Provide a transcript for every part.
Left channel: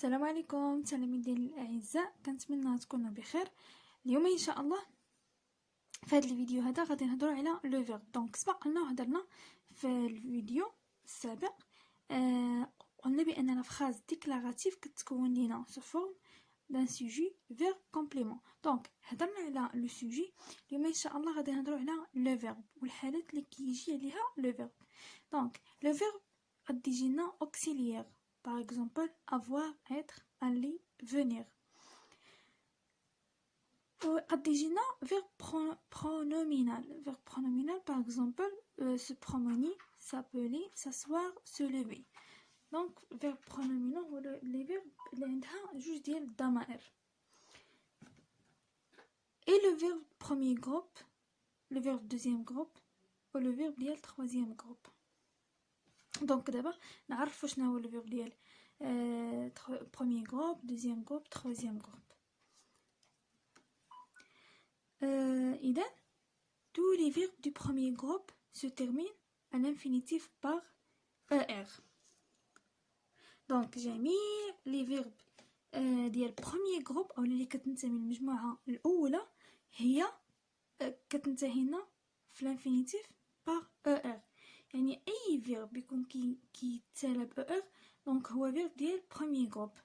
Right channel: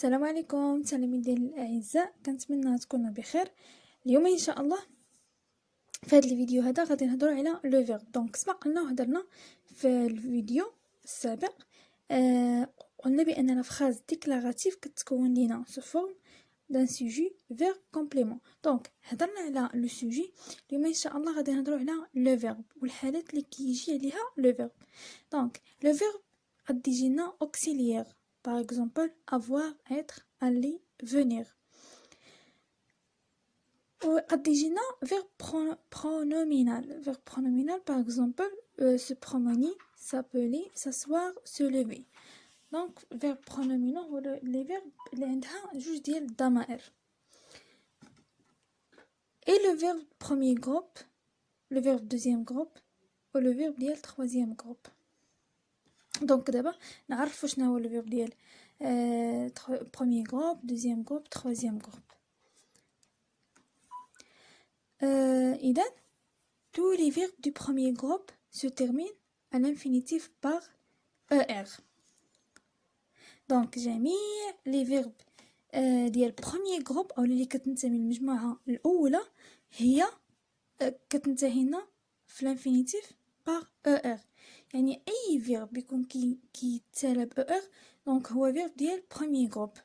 السلام عليكم تلاميذي الاعزاء، كنتمنى تكونوا بخير. اليوم ان شاء الله في هذا الفيديو هذا غادي نهضروا على لو فيرب. دونك سبقنا هضرنا في الفيديو السابق قلنا بان لا فراز ديكلاراتيف كتكون لينا سو فورم دان سوجي فيرب كومبليمون. دونك هضرنا على لو سوجي. اليوم ان شاء الله غادي نهضروا على لو فيرب والحالات اللي كيجي عليها لو فيرب. دونك لو فيرب غادي يجينا اوكسيليير. Par exemple, avoir, être, aller, venir. Ou addigena verbe pronominal. Verbe pronominal, par exemple, se promener, s'appeler, s'asseoir, se lever. Donc, verbe pronominal, les verbes, juste dire damaer. Et le verbe premier groupe, le verbe deuxième groupe, ou le verbe ديال troisième groupe. دونك دابا نعرفوا شنو هو الفيرب ديال premier groupe, deuxième groupe, troisième groupe. إذا tous les verbes du premier groupe se terminent à l'infinitif par er. donc جميع les verbes ديال premier groupe او اللي كتنتمي للمجموعه الاولى هي كتنتهينا في الانفينيتيف par er. يعني اي فيرب يكون كيتسالى ب er donc هو فيرب ديال premier groupe.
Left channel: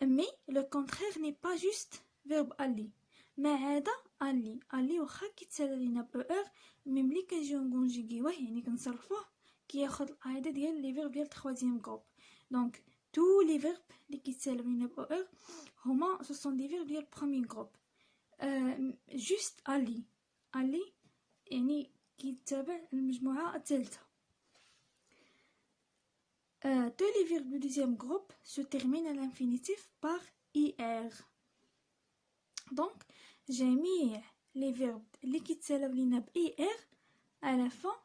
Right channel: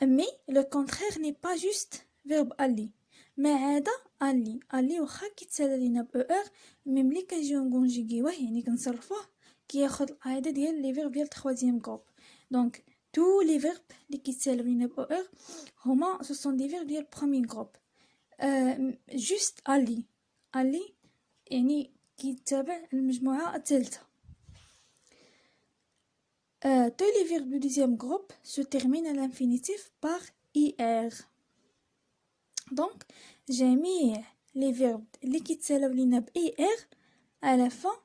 mais le contraire n'est pas juste verbe aller. ما عدا aller واخا كيتسالى لينا ب er مي ملي كنجيو نكونجيغيوه يعني كنصرفوه كياخذ القاعده ديال لي فيرب ديال troisième groupe. donc tous les verbes اللي كيتسالى لينا ب er هما ce sont des verbes ديال premier groupe. juste aller يعني كيتابع المجموعة الثالثة. tous les verbes du deuxième groupe se terminent à l'infinitif par ir. donc جميع les verbes اللي كيتسالاو لينا ب ir à la fin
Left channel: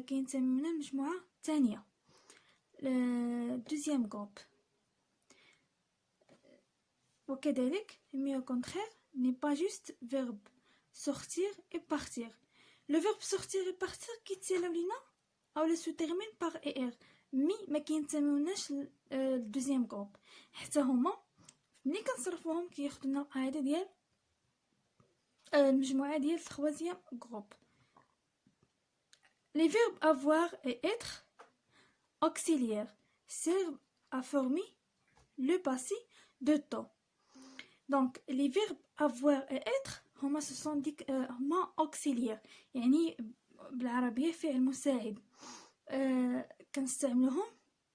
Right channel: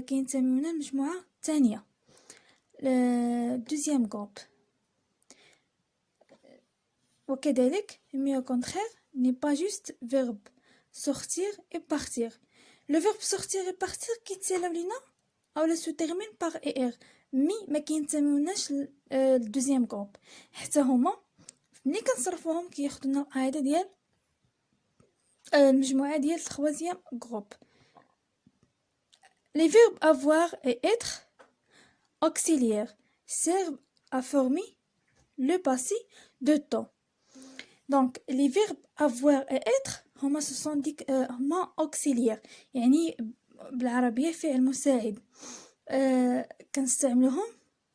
كينتميونا للمجموعة الثانية deuxième groupe. وكذلك mais au contraire n'est pas juste verbe sortir et partir. Le verbe sortir et partir كيتسالاو لينا او se termine par er مي ما كينتميوناش للدوزيام جروب حتى هما ملي كنصرفوهم كياخذونا القاعده ديال المجموعه ديال التروازيام جروب. les verbes avoir et être auxiliaires servent à former le passé de temps. donc les verbes avoir et être هما هما auxiliaires يعني بالعربية فعل مساعد. كنستعملوهم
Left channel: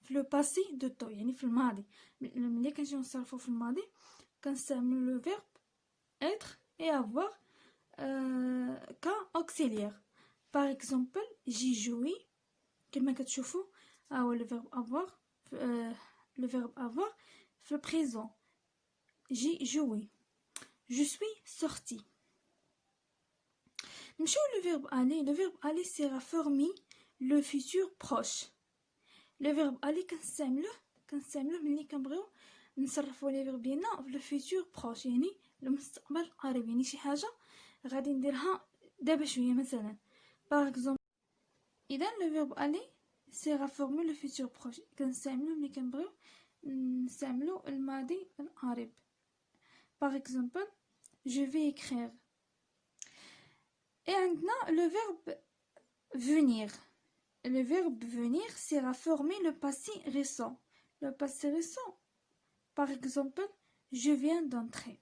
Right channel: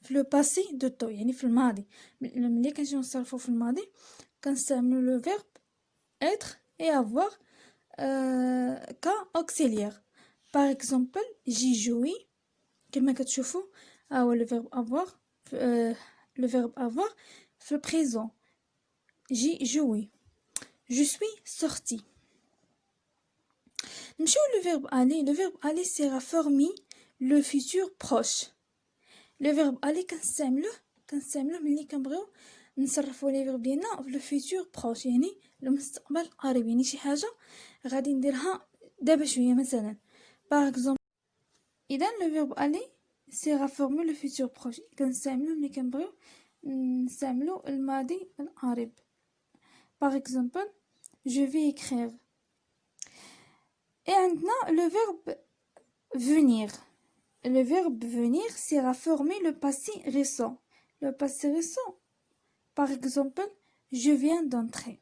في لو باسي دو تو يعني في الماضي. ملي كنجيو نصرفو في الماضي كنستعملو لو فيرب être et avoir ka auxiliaire. par exemple j'ai joué كما كتشوفوا هو لو فيرب avoir le verbe avoir في البريزون. j'ai joué, je suis sorti. le verbe aller sert à former le futur proche. le verbe aller كنستعملوه ملي كنبغيو نصرفوا لي فيرب ديالنا في لو فيتور بروش يعني المستقبل القريب، يعني شي حاجه غادي نديرها دابا شويه مثلا. باغ اكزومبل اذا لو فيرب aller sert à former le futur proche كنستعملوه ملي كنبغيو نستعملوا الماضي القريب. باغ اكزومبل je vais écrire. et عندنا le verbe venir. le verbe venir sert à former le passé récent. le passé récent, par exemple je viens d'entrer.